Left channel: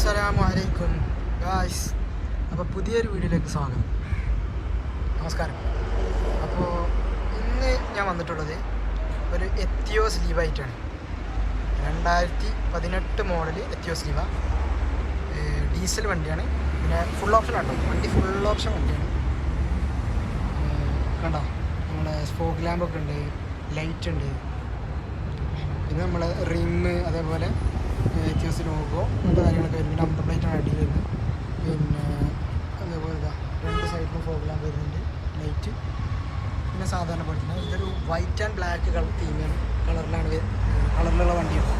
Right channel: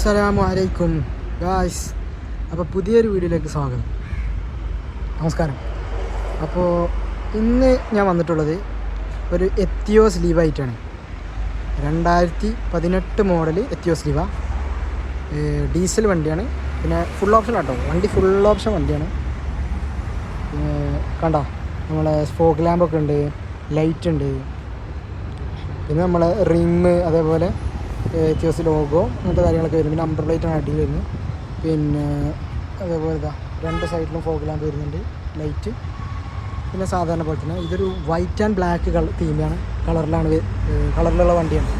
അസ്സലാമു അലൈക്കും ഗായ്സ് അപ്പോൾ പുതിയൊരു വീഡിയോയിലേക്ക് സ്വാഗതം. നമസ്കാരം. അപ്പോൾ ഇന്ന് ഞാൻ വന്നിട്ടുള്ളത് ഒരു എത്തിയോസ് ലീവായിട്ടാണ്. രണ്ടായിരത്തി പതിനെട്ട് മോഡൽ എത്തിയോസ് ലീവ. ഡീസൽ വണ്ടിയാണ്. പിന്നെ ഫുൾ ഓപ്ഷൻ ആട്ടോ. വണ്ടി ഫുൾ ഓപ്ഷൻ വണ്ടിയാണ്. കണ്ടോ? നമ്മളെ സ്പോക്ക് ലാമ്പൊക്കെ ഉണ്ട് ലൈറ്റ് ഉണ്ട്. പിന്നെ നമ്മളെ റിങ് അതേപോലെ എത്തിയോസ് ലോഗോ അങ്ങനത്തെ കാര്യങ്ങളൊക്കെ വരും. പിന്നെ അമ്പർ ആഡ് അടിയിൽ വരുന്നത് പിന്നെ അതേപോലെ ഇതാ രണ്ട് സൈഡിലും ഫോഗ് വരുന്നുണ്ട്. ലൈറ്റ് പിന്നെ സാധാരണ പോലെ തന്നെ ഇതൊരു വൈറ്റ് ആൻഡ് ബ്ലാക്ക് കളർ തീമാണ് കളറിലാണ് കളറിലുള്ള വണ്ടിയാണ്.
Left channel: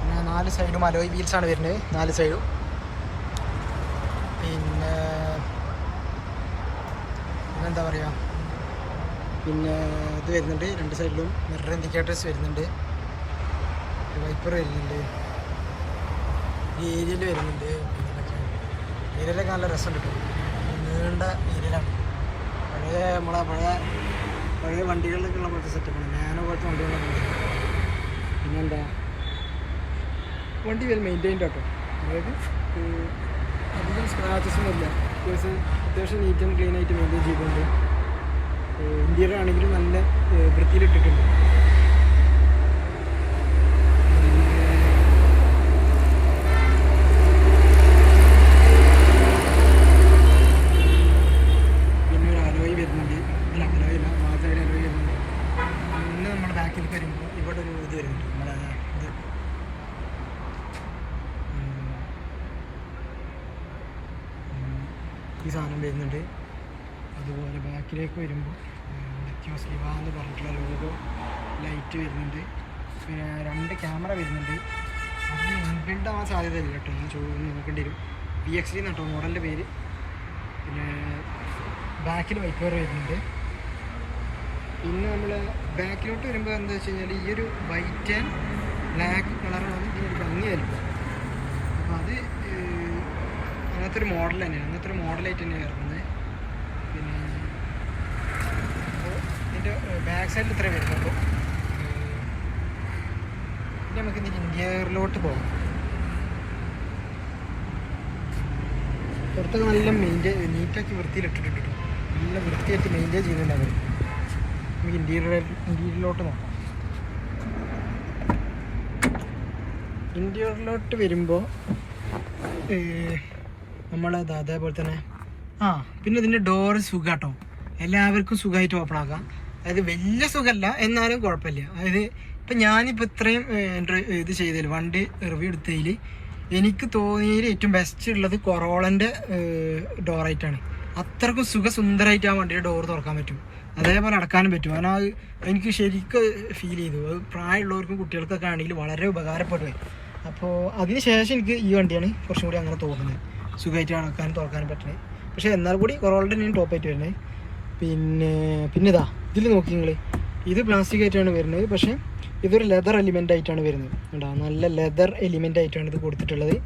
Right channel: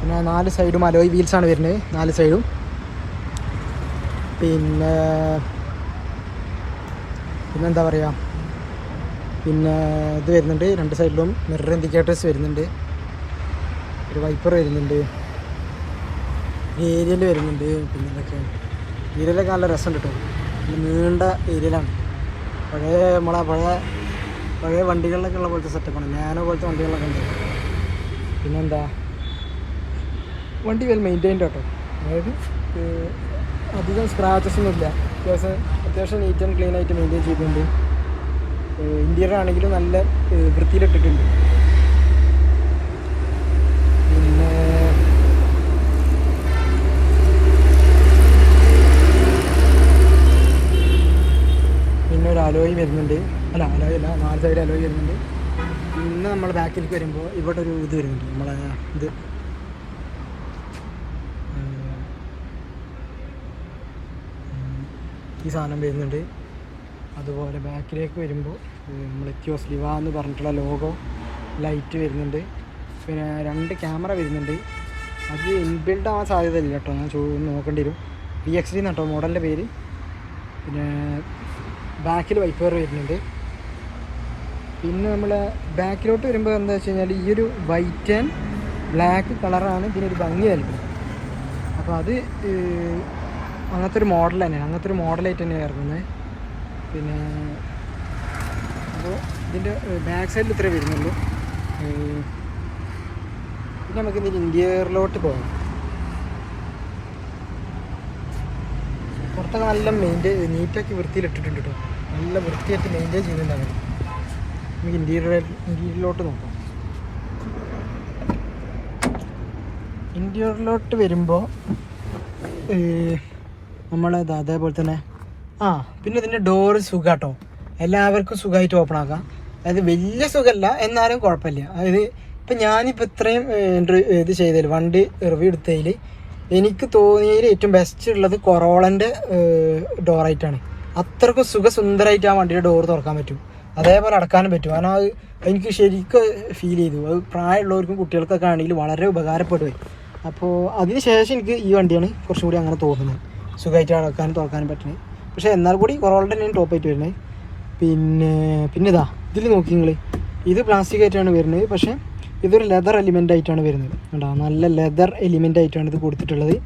പിന്നെ നാല് സൈഡും അലോയ് വീൽസാണ് വരുന്നത്. നാല് സൈഡും പിന്നെ പിന്നെന്താ പറയുക പിന്നെ ഇത് വരുന്നുണ്ട്. രണ്ട് സൈഡിലും മിറർ ഇൻഡിക്കേറ്റേഴ്സ് വരുന്നുണ്ട്. ഒരു വൈപ്പർ വരുന്നുണ്ട്. ഏരിയൽ വരുന്നുണ്ട്. പിന്നെ ഇതൊക്കെ. ഏരിയലൊക്കെ നല്ല രസമുണ്ട് കേട്ടോ നീണ്ട ഏരിയലാണ് പഴയ നമ്മളെ പഴയ പഴയ വണ്ടികളിലൊക്കെ ഉള്ള പോലത്തെ സെറ്റപ്പാണ് നാനോ പോലത്തെ വണ്ടികളിലൊക്കെ ഉണ്ട്. പിന്നെന്താ? വണ്ടി വെൽ മെയിന്റൈൻഡ് കേട്ടോ അതായത് അധികം സ്ക്രാച്ചസ് ഒന്നും ഇല്ല. അത്യാവശ്യം അത്യാവശ്യം നീറ്റ് ആൻഡ് ക്ലീൻ ആയിട്ട് മെയിന്റെയിൻ ചെയ്തിട്ടുണ്ട്. ഇന്ത്യയിലാണെങ്കിലും നല്ല വൃത്തിയിലിട്ടിട്ടുണ്ട് പിന്നെ പിന്നെ ഒരു അലോയും വരുന്നുണ്ട്. അല്ല അലോയ നാല് സൈഡ് അലോയ് വരുന്നുണ്ട്. പിന്നെ നമ്മൾ ബാക്കിലേക്ക് വരുമ്പോൾ ഇവിടെ ഒരു ഇത് വരുന്നുണ്ട്. നമ്മളെ ഇത്. ഈ സാധനം വരുന്നുണ്ട്. അതുപോലെ ബാക്കിലേക്ക് വരുമ്പോൾ നമ്മൾ എത്തിയോസ് ലിവ എന്ന് പറഞ്ഞിട്ടുള്ള ലോഗോ ലൈറ്റ് വരുന്നുണ്ട്. പിന്നെ രണ്ട് ക്യാമറ വരുന്നുണ്ട്. അത് ഇൻബിൽഡ് ആവാൻ സാധ്യതയില്ല കേട്ടോ. ഞാൻ ചോ നോക്കേണ്ടി വരും. വി എക്സ് ഡി എന്നാട്ടോ മോഡലിന്റെ പേര്. പിന്നെ ബാക്കിൽ വൈപ്പർ വരുന്നുണ്ട്. പിന്നെ നമ്മുടെ ബാക്കിലോട്ട് വരുമ്പോൾ എന്താ വെച്ച് കഴിഞ്ഞാൽ ഈ ഒരു വൈറ്റ് ആൻഡ് ബ്ലാക്ക് കളറാണ് ഇതിനൊരു ഭംഗി വരുന്നത്. അപ്പോൾ അത് അങ്ങനത്തെ ഒരു മോഡൽ തന്നെയാണ്. അങ്ങനത്തെ ഒരു മോഡലായിട്ട് തന്നെയാണ് ഇറങ്ങുന്നത് പിന്നെ അപ്പോൾ ഇതിന്റെ ബാക്ക് സൈഡിൽ ഇത്രേ വരുന്നുള്ളൂ. പിന്നെ നമുക്ക് ഇതിന്റെ ഇന്റീരിയറിലോട്ട് പോകാം. പുറത്തൊക്കെ നല്ല മെയിന്റെ നീറ്റാക്കി വൃത്തിയിലിട്ടിട്ടുണ്ട് കേട്ടോ നല്ല വൃത്തിയായിട്ട് മെയിന്റെയിൻ ചെയ്തിട്ടുണ്ട് അവർ നമുക്ക് ഇന്റീരിയർ ഇന്റീരിയറിലോട്ട് നോക്കാം. ഇന്റീരിയറിലോട്ട് വരുമ്പോൾ നമ്മളത് അതേപോലെ തന്നെ ആ പിന്നെ ഇതിന്റെ ഡോറ് സുഖാട്ടോ. എല്ലാവർക്കും സുഖമായിട്ട് ഓപ്പൺ ആക്കാം. അതായത് വലിയ സുഖമല്ല എന്നാലും കുഴപ്പമില്ല. അതായത് ഇപ്പം ഞാനിപ്പോൾ ഇത്രയും ഇത് ചെയ്തതിൽ വണ്ടി റിവ്യൂ എടുത്തതിൽ എനിക്ക് തോന്നിയതിൽ ഏറ്റവും ബെസ്റ്റ് ഉള്ളത് കൊറോളന്റെ ഡോറായിട്ടാണ് അത്രക്കും സുഖസുന്ദരമായിട്ട് ആ വണ്ടിയുടെ ഡോർ തുറക്കാൻ പറ്റും. അതേപോലെ അടക്കാനും പറ്റും. കാരണം അത് എനിക്ക് ശരിക്കും ഫീൽ ചെയ്തു. അത് പ്രായമുള്ളവർക്കും കുട്ടികൾക്കൊക്കെ ആണെങ്കിൽ വളരെ ഉപകാരപ്പെടുവേ അപ്പോൾ അതിന് ശേഷം എനിക്ക് ഈ വണ്ടിയാണ് കുറച്ചും കൂടി അങ്ങനെ തോന്നുന്നത്. സുഖമായിട്ട് അടക്കാനും തുറക്കാനും പറ്റുന്നത്. പക്ഷേ എന്നാൽ കൂടി കുറവുള്ള തന്നെയാണ് ടോപ്പ് ആയിട്ട് വരുന്നത്. പിന്നെ പിന്നെ ഇതാ ഇതിൽ നോക്കി നിങ്ങൾ ഇത് പ്ലാസ്റ്റിക് ആയിട്ടാണ് വരുന്നത്. പക്ഷേ ഇതൊരു ലെതർ എലിമെന്റ് ആയിട്ടാണ് വരുന്നത്. കേട്ടോ നല്ല ലെതർ എലിമെന്റ് ആയിട്ടാണ് ഇത് കൊടുത്തിട്ടുള്ളത്.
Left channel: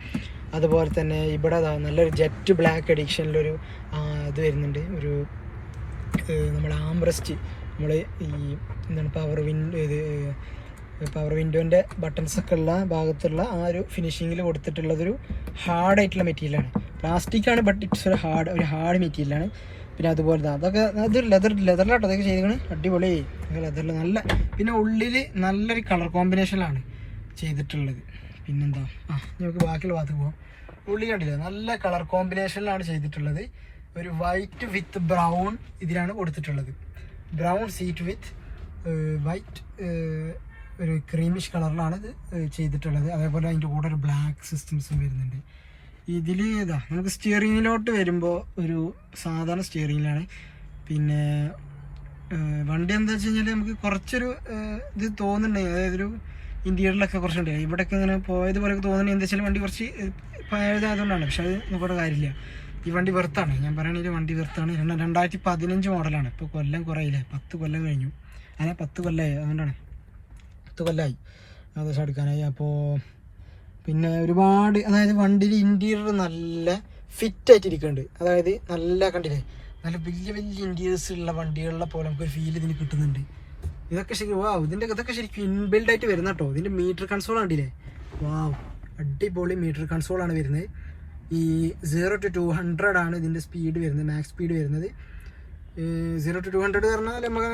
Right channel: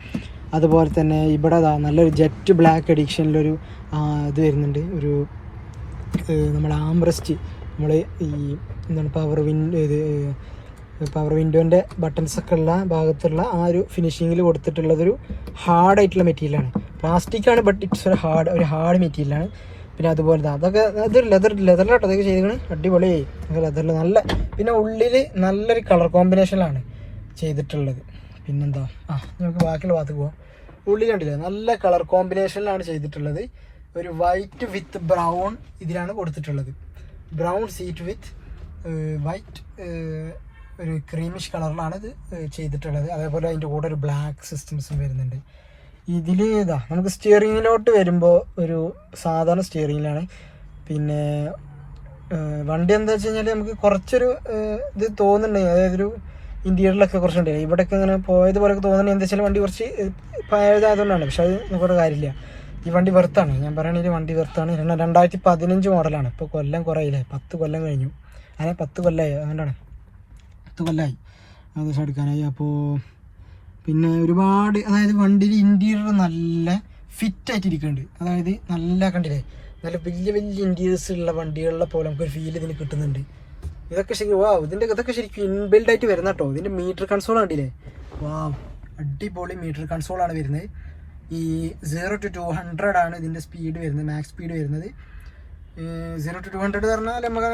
അതുപോലെ തന്നെ ഇവിടെ നല്ലൊരു ജെറ്റ് ബ്ലാക്ക് അഡിക്ഷനിലൊരു ഇത് വരുന്നുണ്ട്. ഒരു നമ്മുടെ ആംബ്രസ്റ്റ് നമ്മൾ ഈ എന്താണ് പവർ വിൻ ഇത് പവർ വിൻഡോന്റെ ബട്ടൺസ് ഒക്കെ ഉള്ള ഭാഗത്തുള്ള ആ ഒരു ഫിനിഷിങ്ങിൽ കൊടുത്തിട്ടുള്ളതൊരു ഹാർഡായിട്ടുള്ള മെറ്റീരിയലാണ് പ്ലാസ്റ്റിക്കാണ് ബട്ട് ഇറ്റ്സ് ഒരു ഹാർഡ് ഒരു ഹാർഡ് മെറ്റീരിയലാണ് പിന്നെ അതുപോലെ അതൊക്കെ അത് ലെതർ ലെതറിലാട്ടോ അതൊക്കെ ചെയ്തിരിക്കണത് അടിപൊളിയായി. ലെതറിൽ നല്ല പിന്നെ ഉള്ളിൽ നല്ലൊരു കളർ കോമ്പിനേഷനിലാണ് ചെയ്തിട്ടുള്ളത്. പിന്നെന്താ? ആ നമുക്ക് ബാക്കിയുള്ള ഭാഗത്ത് പോവാം. ഉള്ളി കണ്ടില്ലേ? നല്ല കളർ കോമ്പിനേഷനിലാണ് ചെയ്തിട്ടുള്ളത്. ഒരു വൈറ്റ് വിത്ത് ബ്രൗൺ ഇതിലാണ് കൊടുത്തിട്ടുള്ളത്. ബ്രൗൺ സീറ്റ് വിത്ത് വൈറ്റ് ഒരു ക്രീമിഷ് കളറിലാണ് ഇത് ചെയ്തിട്ടുള്ളത്. അതേപോലെ അതിന്റെ കൂടെ ഒരു ബ്ലാക്ക് സിസ്റ്റംസും വരുന്നുണ്ട്. ഇതിൽ ഇതാ നമുക്ക് സ്റ്റിയറിങ്ങിലോട്ട് വരുമ്പോൾ ഒരു സാധാരണ സ്റ്റിയറിങ്ങിലാണ് പിന്നെ വണ്ടി എന്താ വെച്ച് കഴിഞ്ഞാൽ നമുക്ക് കുറച്ചൊരു ഇത് തോന്നുന്നുണ്ട് അതായത് ഒരു ഇന്റീരിയറിലൊക്കെ കുറച്ചുണ്ട്. ഇവിടെയൊക്കെ ഇങ്ങനെ പോയതുപോലെയൊക്കെ തോന്നുന്നു. എന്താ വെച്ചാൽ വണ്ടി കുറച്ച് പഴയതായതുകൊണ്ടാണ്. പക്ഷെ അത് നമുക്കൊരു കാര്യമില്ല. ഈ വണ്ടി വെറുത്താണ് ഞാൻ പറയുകയാണെങ്കിൽ വണ്ടി വെറുത്താണ് രണ്ട- രണ്ടായിരത്തി പതിനഞ്ച് മോഡലാണ്. ഇപ്പോൾ കൊല്ലം കുറയില്ലേ? പത്ത് കൊല്ലം കഴിഞ്ഞു. അതെ പത്ത് കൊല്ലമായി അതുകൊണ്ടാണ്. പത്ത് കൊല്ലമായി ഏകദേശം എടുക്കാനായി. അപ്പോൾ പിന്നെ ഒരുപാട് അതായത് വണ്ടിയിൽ ഇന്റീരിയർ നല്ല ഫിറ്റ് ആയിട്ട് ഇരിക്കുന്നുണ്ട് അതായത് നല്ല കണ്ടില്ലേ? നല്ല വലിയ വലിയ ഇന്റീരിയേഴ്സ് ഉള്ള വണ്ടികളിലെ പോലെ നമുക്കൊരു ഫീൽ ഇതിന് കിട്ടുന്നുണ്ട്. ഇതൊക്കെ ശരിക്കും വാ ഇതിന്റെ ഇതൊക്കെ ശരിക്കും ഇൻബിൽഡ് ആയിട്ട് വരുന്ന കേട്ടോ ഇതിന്റെ മീറ്റർ കൺസോൾ കണ്ടില്ലേ? വാ അടിപൊളി മീറ്റർ കൺസോൾ ആണ് വരുന്നത്. ഈ സീറോ ടു ടു ഹൺഡ്രഡ് ആണ് ഇതിന്റെ സ്പീഡ് വരുന്നത് മാക്സ് സ്പീഡ് വരുന്നത്. സീറോ ടു ടു ഹൺഡ്രഡ് പറഞ്ഞാൽ നമുക്ക്